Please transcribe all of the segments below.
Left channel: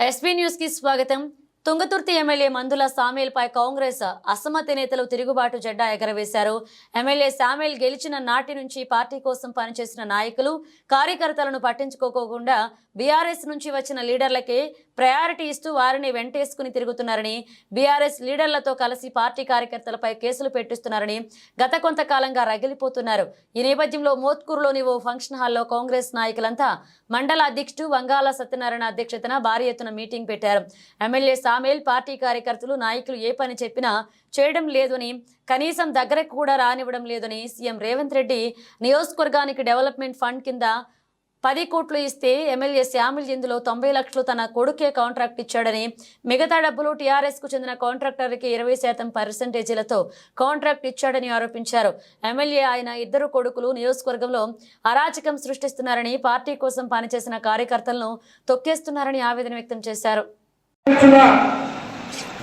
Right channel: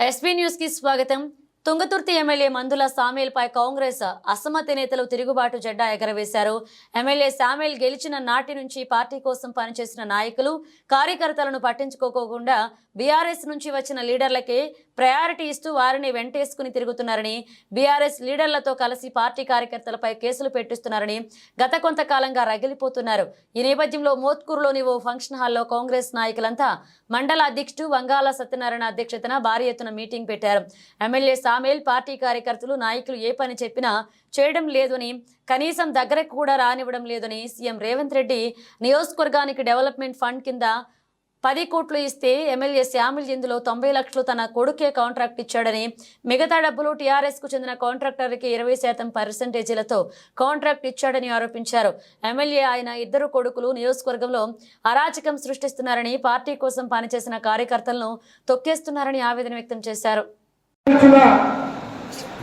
SB న్యూస్కి స్వాగతం. Thungathurthi MLA మందుల సామేల్పై కాంగ్రెస్ అసమ్మతి నేతలు తిరుగుబాటు జెండా ఎగరవేశారు. ఎమ్మెల్యే సామేల్ గెలిచిన నాటి నుంచి పార్టీ కోసం పనిచేసిన నాయకులు కార్యకర్తలను పట్టించుకోకుండా బీఆర్ఎస్ నుంచి వచ్చిన లీడర్లకే ప్రయారిటీ ఇస్తూ వారిని వెంటేసుకుని తిరుగుతున్నారని బీఆర్ఎస్ లీడర్లతో కలిసి పార్టీ కార్యకర్తలపై కేసులు పెట్టిస్తున్నారని గత కొంతకాలంగా రగిలిపోతున్నారు. ఈ నేపథ్యంలో మోత్కూరులోని ఓ ఫంక్షన్ హాల్లో కాంగ్రెస్ నాయకులంతా మండల అధ్యక్షుడు వంగాల సత్యనారాయణ అధ్యక్షతన భారీ ఎత్తున మీటింగ్ పెట్టారు. ఎమ్మెల్యే సామేల్ పార్టీ కార్యకర్తలు నాయకులు ఏ పని చెప్పినా చేయడం లేదని కనీసం దగ్గరకు కూడా రానివ్వడం లేదని సీఎం రేవంత్ రెడ్డి నియోజకవర్గానికి డెవలప్మెంట్ ఫండ్ కింద పది కోట్లు ఇస్తే ఎమ్మెల్యే శ్యామిల్ ఇందులో తొంభై లక్షలు తన కొడుకే కాంట్రాక్ట్ ఇచ్చాడని మిగతా డబ్బులు టీఆర్ఎస్కు చెందిన కాంట్రాక్టర్కి ఇరవై శాతం పర్సెంటేజీలతో కాంట్రాక్ట్ ఇచ్చాడని ఆరోపించారు. ఎమ్మెల్యే ఆయన ఇద్దరు కొడుకులు నియోజకవర్గంలో అరాచకం సృష్టిస్తున్నారని పార్టీ కోసం పనిచేసిన కార్యకర్తలను తొక్కేస్తున్నారని ఆవేదన వ్యక్తం చేశారు.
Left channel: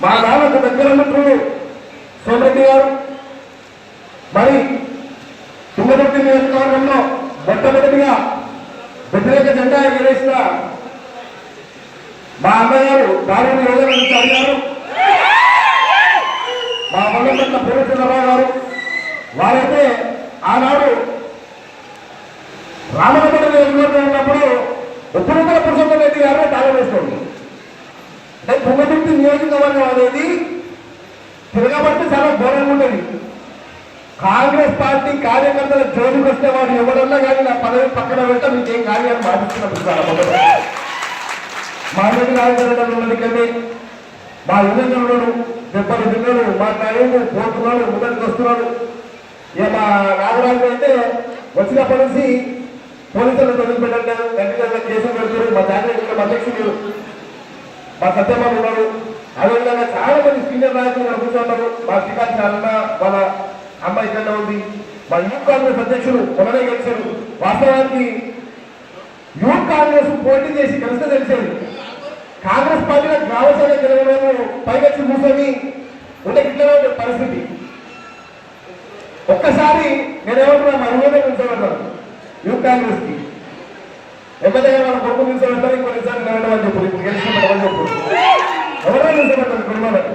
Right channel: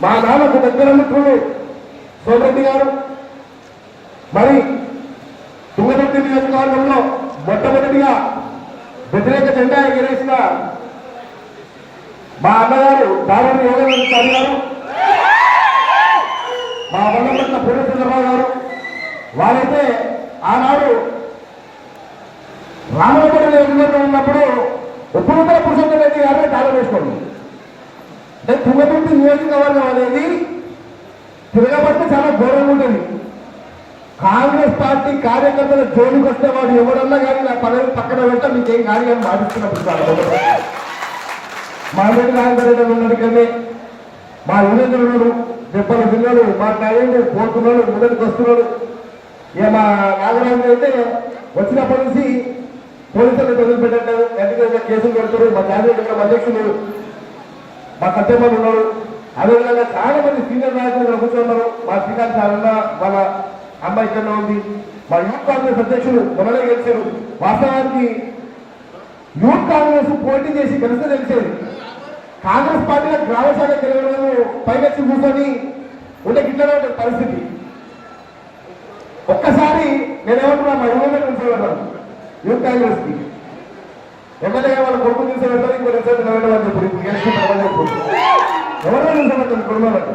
మా నాన్నకు దగ్గర మిత్రుడు సోమరెడ్డి గారు మరి తుంగరెడ్డి నియోజకవర్గంలో మొట్టమొదటిగా వ్యతిరేక జెండా ఎగరేసిన మా అన్నగారు దారుణ యోగేశ్వర గారు మా వల్లపట్ల పూర్వచంద్రరావు గారు వారైతే ఆనాడు రామనగర నియోజకవర్గం ఉన్నప్పుడు ఉత్తమ పురుషోత్తమ రెడ్డి గారిని తాళం వేసుకోండి. అంటే తుంగతుర్తి నియోజకవర్గం అనేది తిరగబడితే చాలా ఘోరంగా ఉంటుంది. కాంగ్రెస్ పార్టీ కార్యకర్తల జోలికి వస్తే వాడు ఎవరన్నా కానీ నా పదవి పక్కన పెడతా మీకేం కానీ అని భావిస్తున్నప్పుడు మామిడి రాజధాని ఉన్నది కానీ మా యూనియన్ ఉన్నాడు దెబ్బలు పిల్లలు మా టైంలు పోతున్నాడు ముందరికి వస్తున్నాడు ఇక మా నాగరాజు అయితే వచ్చినప్పటి నుంచి పోలీసులు వదిలిపెట్టలేదు వెంటనే కేసులు పెడతారు మా జాతీయ అధ్యక్షులు మా సత్యమని ఉన్నారు. అదేవిధంగా చాలా మంది సీనియర్ నాయకులు ఇక్కడ కూర్చున్నారు. మా శ్రీకాంత్ అన్న వాళ్ళ అమ్మాయి ఇక్కడ ఉంది. మా యూత్ కాంగ్రెస్ అధ్యక్షులు కొనలే గెలిచారు. వాస్తవానికి యూత్ కాంగ్రెస్ పోటీ చేసి గెలిస్తే తెలిసేది కాంగ్రెస్ పార్టీలో గ్రామశాల గెలవడము పైకొచ్చి కూర్చొని ఉండే ఇట్లనే పరిస్థితి. ఒక్కసారి నేనేమంటున్నా మా ఊళ్ళో యూత్ కాంగ్రెస్కి. ఎక్కడైనా వాళ్ళ కొడుకు నిలిచేవాళ్ళం ఇంకో నిలిచేవాళ్ళు నిలబడమని చెప్పి ఇప్పుడు చెప్పు. ఎవరో నిలిచేవాళ్ళం కుటుంబాలకు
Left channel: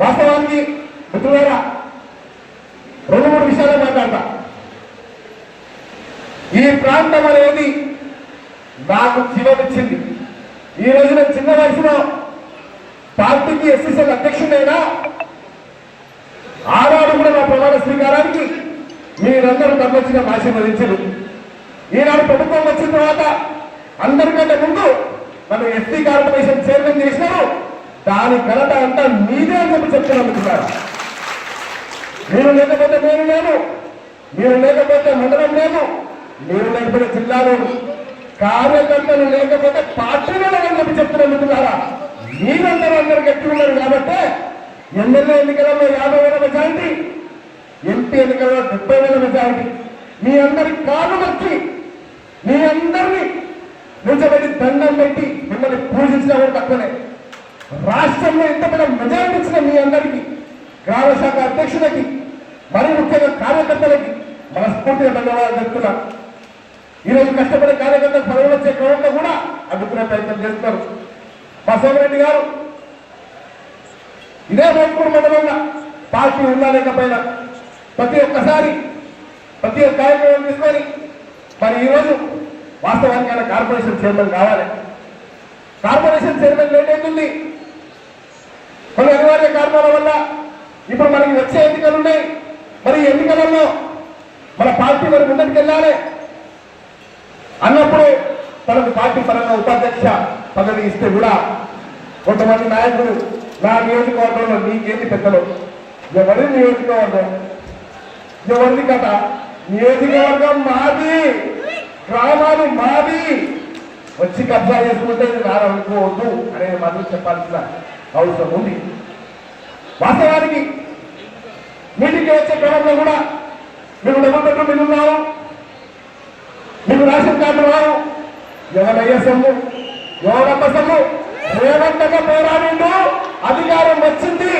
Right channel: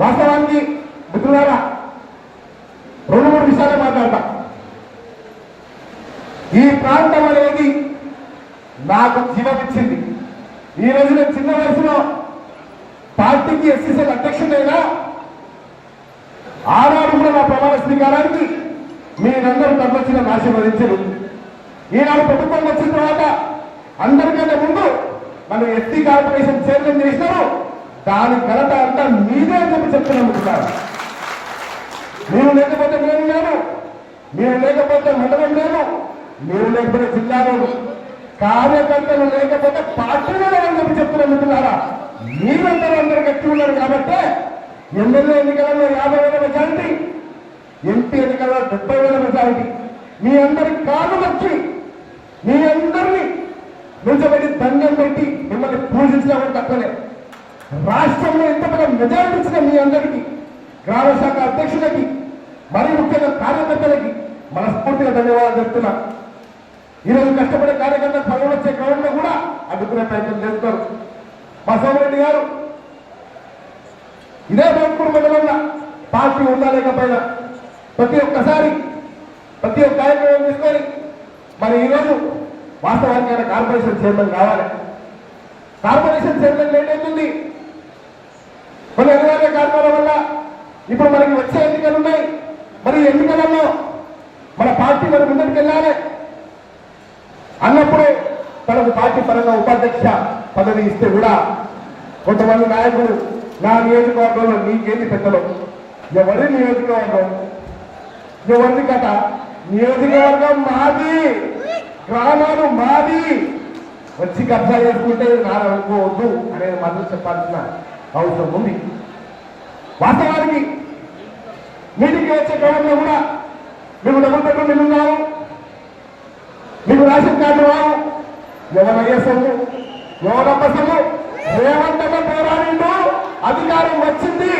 వాస్తవానికి మిత్రులారా రెండు మూడు విషయాలు మాట్లాడతా. ఈ ప్రాంతం అనేది నాకు జీవమిచ్చింది ఈ రోజున చిన్న వయసులో పార్టీకి ఎస్సీసీల అధ్యక్షుడైనా ఆనాడు కూడా నా ప్రమాణ స్వీకారానికి మీరందరూ తప్పొచ్చిన ఆశీర్వదించారు ఈనాడు ప్రభుత్వం వచ్చిన తర్వాత అందరికంటే ముందు మనం ఎస్సీ కార్పొరేషన్ చైర్మన్ చేసినాము దాని ఘనత అంతా మీదే అని చెప్పి చెప్తున్నాను మీరు లేకపోతే నేను లేను. మీరు లేకపోతే మండలం లేను. మీరు లేకపోతే జిల్లాలో కార్యకర్తలు లేకపోతే పార్టీలో లేదని చెప్పి చెప్తున్నాను మిత్రులారా మీరందరూ అందరూ గట్టి ఉన్నారు కాబట్టి ఎమ్మెల్యే ఎన్నికలలో యాభై వేల మెజారిటీ ఎంపీ ఎన్నికల్లో డెబ్బై వేల మెజారిటీ. మీ అందరి కాలు వచ్చి మీ అందరినీ నిజమైన దండం పెట్టి మిమ్మల్ని పూజించడం తక్కువనే రాష్ట్రంలో ఎంత మెజారిటీ ఇచ్చిన మీ అందరికీ గ్రామ శాఖ అధ్యక్షులకి మరి ముఖ్యంగా కార్యకర్తలకి మనస్ఫూర్తిగా ధన్యవాదాలు చెప్తున్నా. ఈరోజు కష్టపడే కార్యకర్తలు పదవులు వచ్చే క్రమంలో కూడా అడ్డుకునే ప్రయత్నం చేస్తారు. బసవరెడ్డి గారు ఇదే మోత్పూర్ మండలంలో పార్టీ ఉందా లేకపోయినా ప్రతి ఒక్కసారి ప్రతి ఒక్క కార్యక్రమం తీసుకొని మరి ఈరోజు వాస్తవానికి ఆయన కార్పొరేషన్ చైర్మన్ కావాలి. కార్పొరేషన్ చైర్మన్ లేట్ అవుతుంది. కొన్ని అనివార్య కారణాల వల్ల ఇప్పుడు మనకి వచ్చే ఎన్నికలు ఉన్నాయి. మరి ఎన్నికలలో మన పార్టీ మరి ముందుకు వెళ్ళాలి. అన్నప్పుడు తనకు పార్టీ పరంగా ఉపాధ్యక్ష పదవి ఇస్తే కూడా కొంతమంది నాయకులు నా నియోజకవర్గంలో నీకేంటి పెద్దలు. ఎవరి నియోజకవర్గం? ఎవరిది కథ? నియోజకవర్గం మాది. గ్రామాలు మాది. వచ్చి కబ్జా చేసుకుంటే నారనుకోవద్దు అనేది మాత్రం చెప్పాల్సిన అవసరం ఉంది. వాస్తవానికి నీటికి వచ్చే క్రమంలో కూడా మేము డబ్బులు పెట్టు మిల్లు రావు మీకు రేషన్ కార్డు వారు. ఎవరయ్యే సొమ్ము రేవంతగా పోరాడిండు అధికారం వచ్చింది.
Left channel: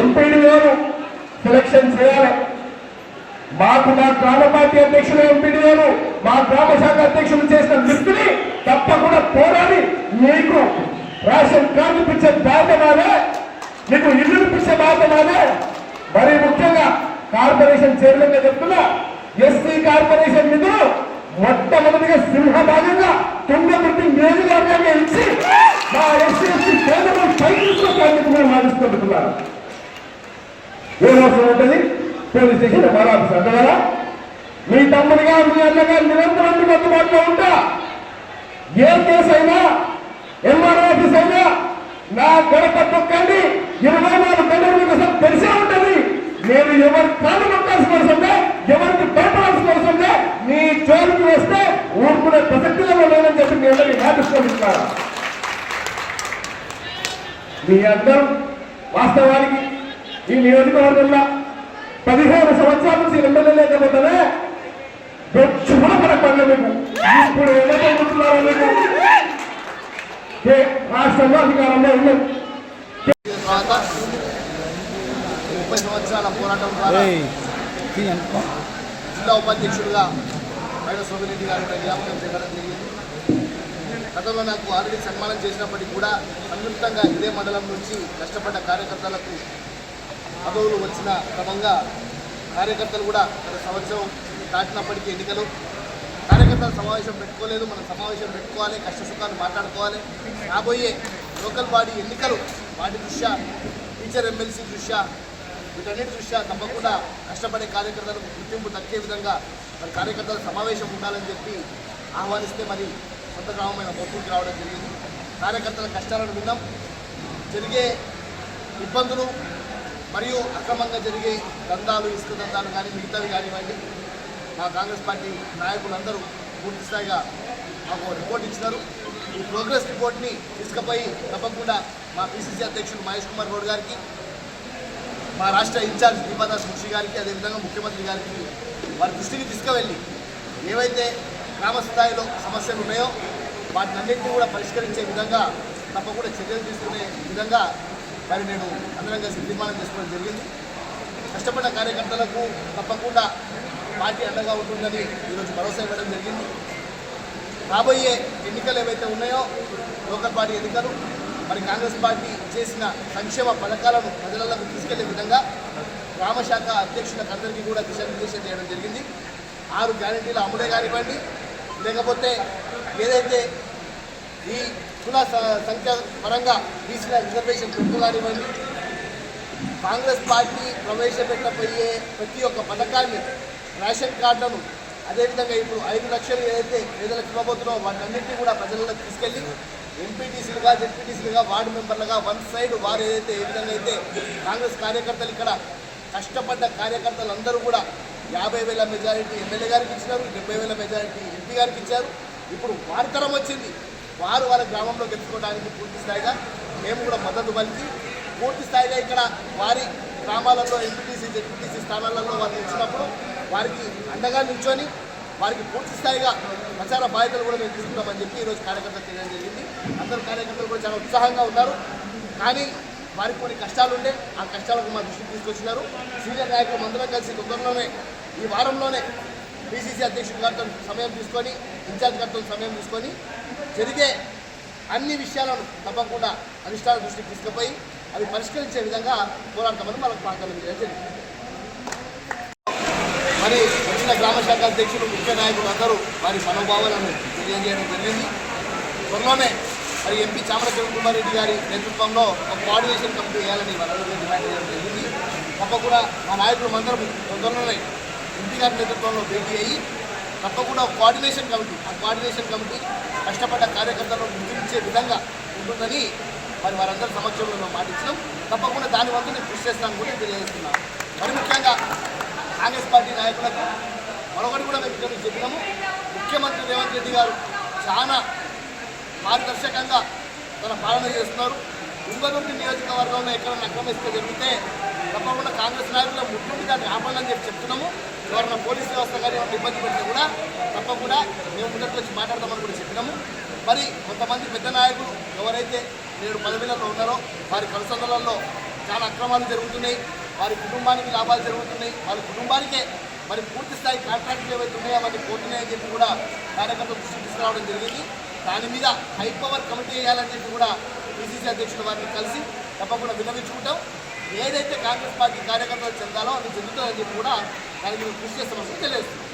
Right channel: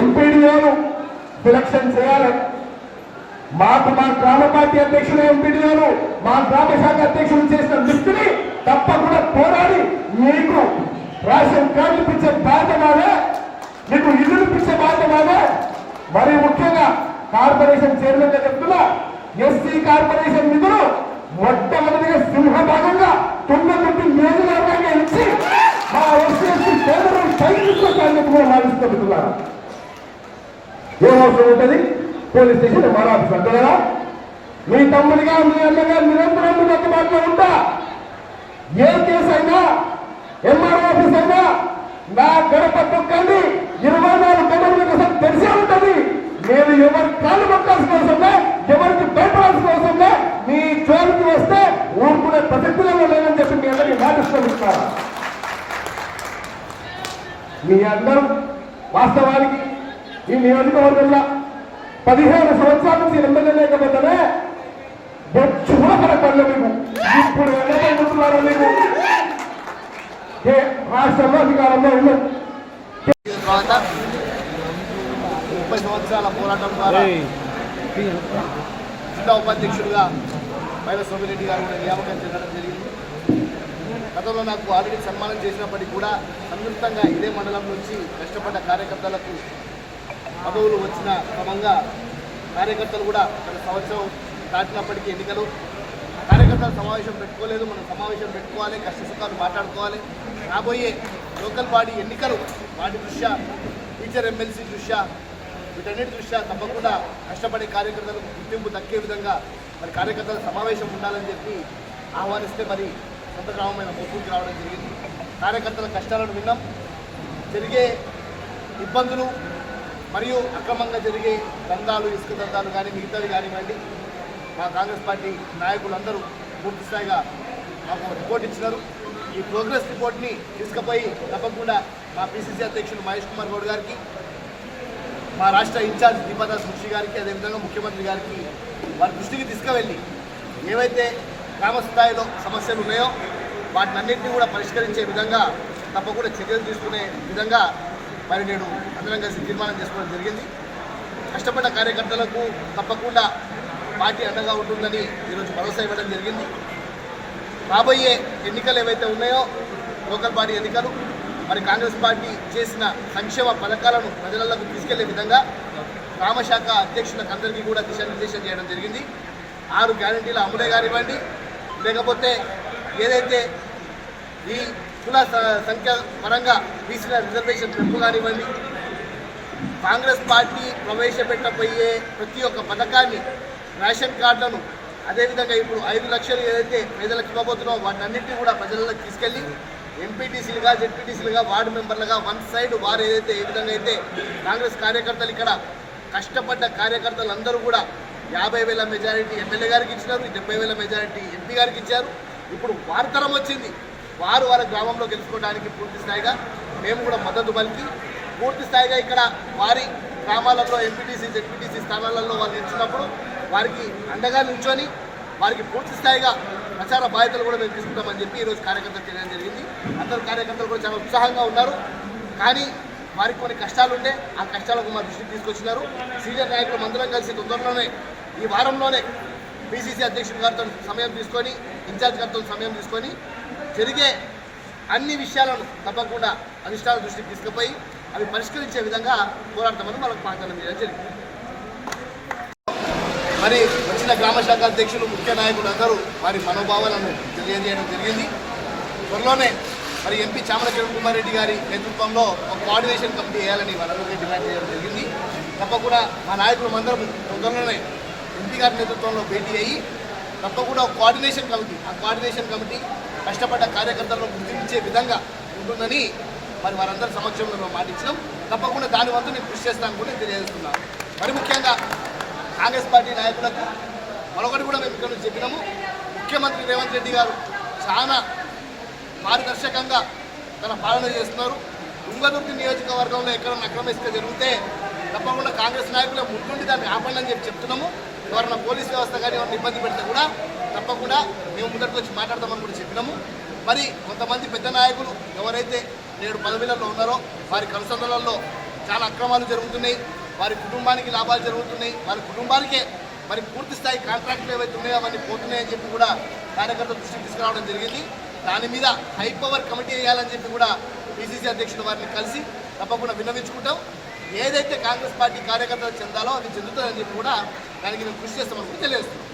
ఎంపీడీలను సెలక్షన్ చేయాలి. మాకు మా గ్రామ పార్టీ అధ్యక్షులు గారు మా గ్రామ శాఖ అధ్యక్షులు చేసిన దృష్టిని తప్పకుండా పోరాడి మీకు రాష్ట్రం కార్డు ఇప్పించే బాధ్యత మాదే మీకు ఇల్లు ఇప్పించే బాధ్యత మాదే మరి ముఖ్యంగా కార్పొరేషన్ చైర్మన్గా చెప్తున్నా ఎస్సీ కార్పొరేషన్ నిధులు మొట్టమొదటిగా సింహభాగంగా తుంగతుర్తి నియోజకవర్గాన్ని ఇచ్చి మా ఎస్సీ కేంద్రం పైకి కూడా మారుస్తుంటున్నారు ఏం అవసరం ఉంటుంది? పోలీస్ స్టేషన్ ఎంఆర్ ఆఫీస్ అంటారా మీ తమ్ముడిగా మీ అన్నగా నిరంతరం మీకు అందుబాటులో ఉంటా. ఏ కేసు అయినా ఎంఆర్ఓ ఆఫీస్ అయినా నా గడప తొక్కండి ఇరవై నాలుగు గంటల మీకు అసలు తెలిసే ఉంటుంది. నేను ఎవరి కాళ్ళు పట్టాల్సిన అవసరం ఎవరికి భయపడాల్సిన అవసరం మీ నీ జోలికి వస్తే ఊరుకునే ప్రసక్తిలో లేదని చెప్పి మీ అందరికీ జ్ఞాపిస్తున్నాను మీ అందరం వాస్తవానికి ఈ నియోజకవర్గంలో పదిహేను సంవత్సరాల నుంచి ఎమ్మెల్యే లేకపోతేనే బొచ్చుమా పడపడలే మీకు. ఇప్పుడు వెళ్ళగలుగుతున్నారా మీకు? రాష్ట్రంలో అధికారంలో ఉన్నారు ముప్పై సంవత్సరాల పోరాటం ద్వారా జిల్లా ఉపాధ్యక్షుడిగా పైన సోమిరెడ్డి గారు కూడా నియామకం చేయడం జరిగింది. గతంలో నాకు ఆల్రెడీ సన్మానం చేసినప్పటికీ కూడా సంయుక్తంగా ఇదే మండలం నుంచి కష్టపడ్డ కార్యకర్తలకు పదవులు వచ్చిన క్రమంగా కార్యకర్తలు కూడా గత సంవత్సరం దాటినప్పటికీ ఎన్నికలు. కార్యకర్తల సమావేశం పెట్టుకోలేదు మనం సమావేశం పెట్టుకోవాలి కష్ట సుఖాలు మాట్లాడుకోవాలి. రాబోయే లోకల్ బాడీ ఎన్నికలు వాటి దృష్ట్యా టీచర్ ఎమ్మెల్సీ దృష్ట్యా వీటన్నిటి దృష్ట్యా తప్పకుండా కష్టపడే కార్యకర్తలకు గుర్తింపు దక్కే విధంగా మరి కార్యకర్తల సమావేశం ఉండాలని చెప్పి ఆహ్వానిస్తే మరి సొంత గ్రామమైన మొత్తూరుకి రావడం జరిగింది. కార్యకర్తల కష్టాలను విన్నాం. జరిగే ఇబ్బందులు మరియు అక్రమంగా జరిగే దందాలు ఇసుక దందాలు కానీ మిగతావి కానివ్వండి మా కాంగ్రెస్ పార్టీ నాయకులందరూ పూర్తి స్థాయిగా మాకు రిపోర్ట్ ఇచ్చినారు. ఈ ప్రోగ్రెస్ రిపోర్ట్ని తీసుకుపోయి తప్పకుండా మా పిసిసి అధ్యక్షులు మహేష్ కుమార్ గౌడ్ గారికి మా రాష్ట్ర ఇన్ఛార్జ్ దీపాదాస్ ముషి గారికి అదేవిధంగా ముఖ్యమంత్రి గారికి వారి దృష్టికి తీసుకువెళ్ళి ఏవైతే గ్రామ స్థాయిలో సమస్యలు ఉన్నాయో వాటిని అన్నింటినీ కూడా పరిష్కరించే విధంగా తప్పకుండా చర్యలు తీసుకునే విధంగా మరి నేను అందరం కలిసి తీర్మానం చేసుకోవడం జరిగింది. కష్టపడ్డ కార్యకర్తలకు తప్పకుండా పార్టీ అండగా ఉంటుందని ఈరోజు భరోసా ఇవ్వడం జరిగింది. రాబోయే ఎన్నికలు ఏవైతే ఉన్నాయో లోకల్ పార్టీ ఎన్నికలు మరి కాంగ్రెస్ పార్టీ చేసిన సంక్షేమ పథకాలను ప్రజలకు తీసుకెళ్ళే విధంగా గ్రామ శాఖ అధ్యక్షులకు అందరికీ కూడా దిశానిర్దేశం చేయడం జరిగింది. ఆరు గ్యారంటీల అమలే కానివ్వండి. లేకపోతే ఏదైతే ఈ కుల స- సంఖ్య పరంగా బీసీల రిజర్వేషన్ పెంపు కానివ్వండి. కాంగ్రెస్ పార్టీ ప్రవేశపెట్టబోయే ప్రతి ఒక్క పథకాన్ని రేషన్ కార్డులను అదేవిధంగా ఇప్పుడు ఐదు లక్షలు ఏదైతే పేదలకు ఇవ్వబోతున్నామో వాటన్నింటినీ కూడా ప్రజలకు తీసుకెళ్ళి ఎంపీటీసీలుగా జెడ్పీటీసీలుగా వార్డు మెంబర్లుగా వన్ సైడ్ వారు ఏదైతే ఏ విధంగా అయితే కాంగ్రెస్ కార్యకర్తలు ఇక్కడ కష్టపడ్డ కార్యకర్తలు అందరూ కూడా యాభై వేల మెజారిటీ ఎమ్మెల్యే గారికి ఇచ్చినారు డెబ్బై వేల మెజారిటీ ఎంపీ గారికి ఇచ్చారు. ఇప్పుడు వార్తరం వచ్చింది. వారు వాళ్ళ గ్రామంలో గెలుచుకోవడానికి పూర్తి స్థాయిగా మేము కూడా మద్దతు పలికి పూర్తి స్థాయిగా ఇక్కడ వారి గ్రామాలలో ఎంపీటీసీ జెడ్పీటీసీ స్థానాలలో వారు గెలిచినప్పుడు వారికి అండగా నిల్చొని వారికి పూర్తి స్థాయిగా ప్రచార బాధ్యతలు కూడా మేము తీసుకుంటామని చెప్పి ఈరోజు కార్యకర్తలు తెలియడం జరిగింది. అందరు కార్యకర్తలు కూడా చాలా ఉత్సాహంగా ఉన్నారు. కానీ వారికి కొన్ని కష్టాలు ఉండే ఆ కష్టాలకు మా దృష్టికి తీసుకొచ్చినారు. సీనియర్ నాయకులు అందరం కలిసి తొందరలోనే ఈ వారంలోనే పిసిసి అధ్యక్షుడు గారితో సమయం తీసుకొని ఇన్ఛార్జ్ కర్తలు సమయం తీసుకొని జరిగే అన్ని విషయాలను తప్పకుండా అధిష్టాన దృష్టికి తీసుకుపోయి అవి పరిష్కరించే విధంగా పోరాడతామని మనకు వాగ్దానం చేయడం జరిగింది. మరి వచ్చిన గ్రామ శాఖ అధ్యక్షులు ముఖ్య నాయకులు అందరూ వారి మనోభావాలను తెలియజేయడం జరిగింది. త్వరలోనే మరి ఎంపీ చామల కిరణ్ కుమార్ రెడ్డి గారి నేతృత్వంలో ఒక కోఆర్డినేషన్ కమిటీ వేయాలని వాళ్ళందరికీ డిమాండ్ చేయడం జరిగింది. తప్పకుండా మా నాయకులు అందరం తొందరలోనే ఎంపీ గారి నేతృత్వంలో భేటీ అయ్యి తప్పకుండా కోఆర్డినేషన్ కమిటీ. ఆ కోఆర్డినేషన్ కమిటీ కష్టపడ్డ కార్యకర్తలను గుర్తించే విధంగా ఉంటుందని మరి వారందరి సమక్షంలో మేము మాటించినాం తప్పకుండా దాని వంతు నేను కృషి చేస్తాను కూడా తెలియజేస్తున్నాను మరి ముఖ్యంగా కాంగ్రెస్ పార్టీ నాయకులకు మరొకటి కూడా మేము ఇక్కడ చెప్పినాము. ముఖ్యమంత్రి రేవంత్ రెడ్డి గారు చాలా పారదర్శకంగా తన పాలన చేస్తున్నారు. తుంగదుర్తి నియోజకవర్గంలో ఎక్కడన్నా అక్రమ ఇసుక జరిగితే తప్పకుండా కాంగ్రెస్ నాయకులు ముట్టుండి దాన్ని ఆపండి అని చెప్పి చెప్తున్నాము. ఎవరన్నా పోలీస్ వ్యవస్థ కానీ ఎవరిని ఇబ్బంది పెడితే కూడా తప్పకుండా మేము ముందరికి వచ్చి మాట్లాడదామని కూడా చెప్పినాము. మరి కొంతమంది పెద్ద నాయకులు ఎవరైతే నేడు పదవిలలో ఉన్నారో వారి కన్సల్లలో చాలా అక్రమాలు జరుగుతున్నాయి వారి కుటుంబానికి లాభాలు జరుగుతున్నాయి వారి కుటుంబానికే మరి పూర్తి స్థాయి కాంట్రాక్టులు ఏవైతే ఉన్నాయో అవన్నీ పోతున్నాయని చెప్పి కూడా కార్యకర్తలు దృష్టికి తీసుకురావడం జరిగింది. దాని మీద హై పవర్ కమిటీ వేయాలని చెప్పి కూడా పిసిసి అధ్యక్షుడు వారిని కలిసి తప్పకుండా విన్నవించుకుంటాం. ఏదైతే కాంగ్రెస్ పార్టీ కార్యకర్తలు చెందాలో అవి చెందుతుందని చెప్పి కూడా దానికి మేము కృషి చేస్తామని తెలియజేస్తున్నాం.